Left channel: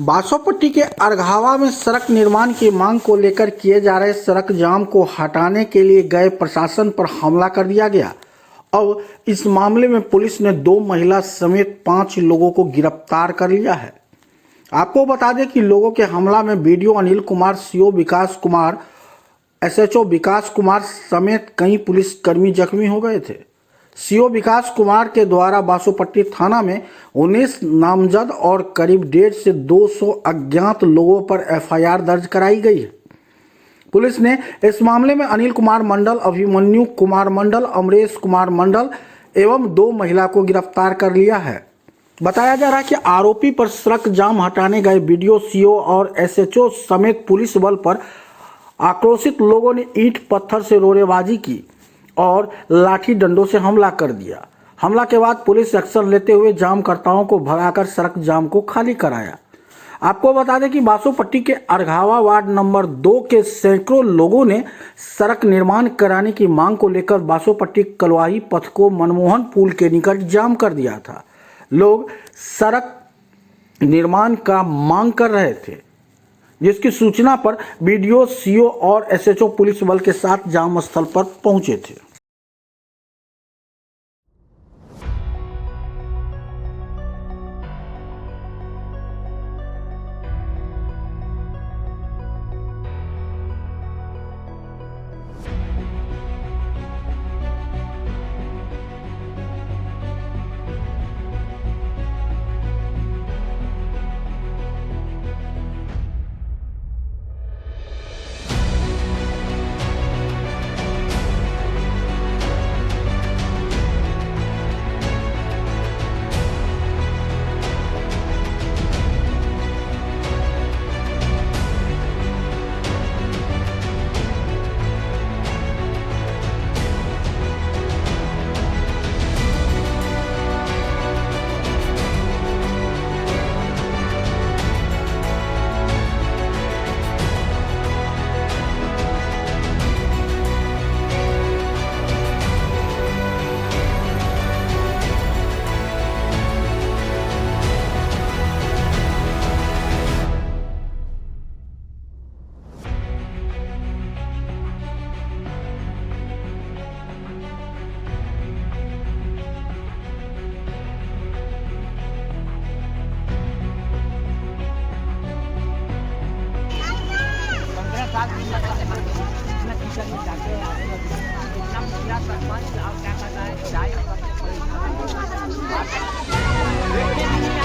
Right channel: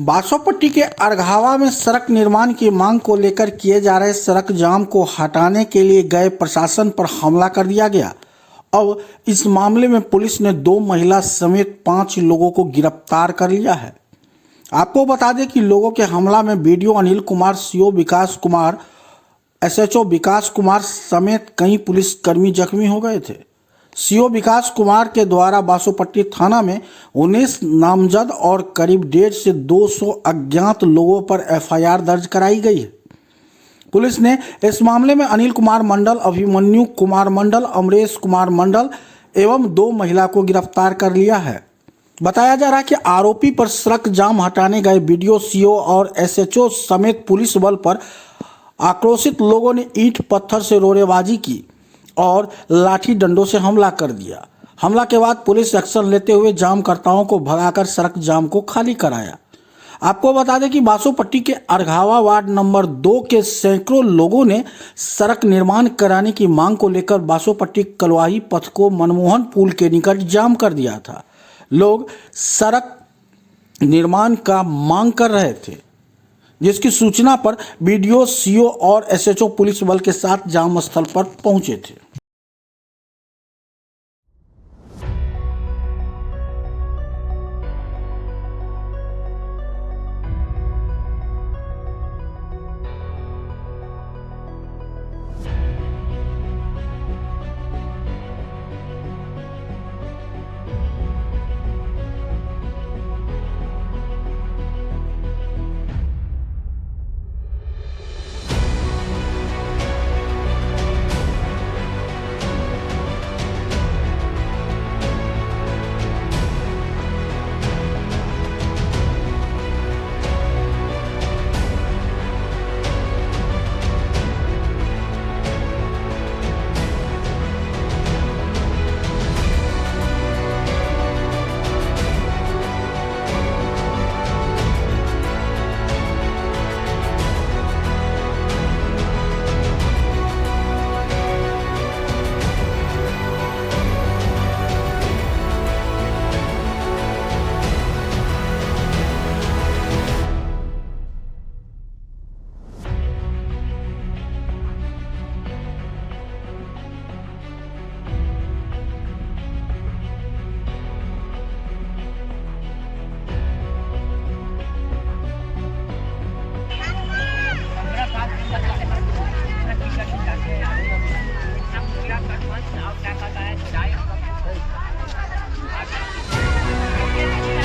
बासोपट्टी के अरघावा में सड़क निर्माण की मांग को लेकर किए जा रहे सड़क जाम को हटाने के लिए गए प्रशासन पर हमला कर दिया गया। अब इस मामले में पुलिस ने 2 महिला समेत 5 लोगों को गिरफ्तार कर लिया है। आपको बता दें कि लोगों के हमला में बीडीओ अनिल कुमार, सीओ विकास कुमार, एसएचओ विकास कुमार समेत कई पुलिसकर्मी जख्मी हो गए थे। सीओ विकास कुमार के द्वारा बासोपट्टी थाना में 19 नामजद और करीब 150 से 200 अज्ञात लोगों पर एफआईआर दर्ज कराई गई है। पुलिस ने इस मामले में अनिल कुमार मंडल, अभिमन्यु कुमार मंडल, अमरेश कुमार मंडल एवं 2 महिला को गिरफ्तार कर लिया है। बताया जा रहा है कि आरोपी पर सड़क जाम हटाने गए बीडीओ, सीओ और एसएचओ समेत पुलिस बल पर आक्रोशित लोगों ने ईंट पत्थर से रोड़ेबाजी की और लाठी डंडों से हमला कर दिया। हमला के बाद पुलिस एक्शन लेते हुए जामकर्ताओं को भगाकर सड़क जाम को खाली कराया। आपको बता दें कि बासोपट्टी के अरघावा वार्ड नंबर 2 के सैकड़ों लोगों ने सड़क निर्माण कराने की मांग को लेकर बासोपट्टी कलवाही पथ को मनमोहन पुल के निकट जाम कर दिया था। लोग सड़क निर्माण का मांग कर रहे थे, जिसकी सूचना पर बीडीओ, सीओ और एसएचओ पुलिस बल के साथ जाम स्थल पर पहुंचे थे। सरपंच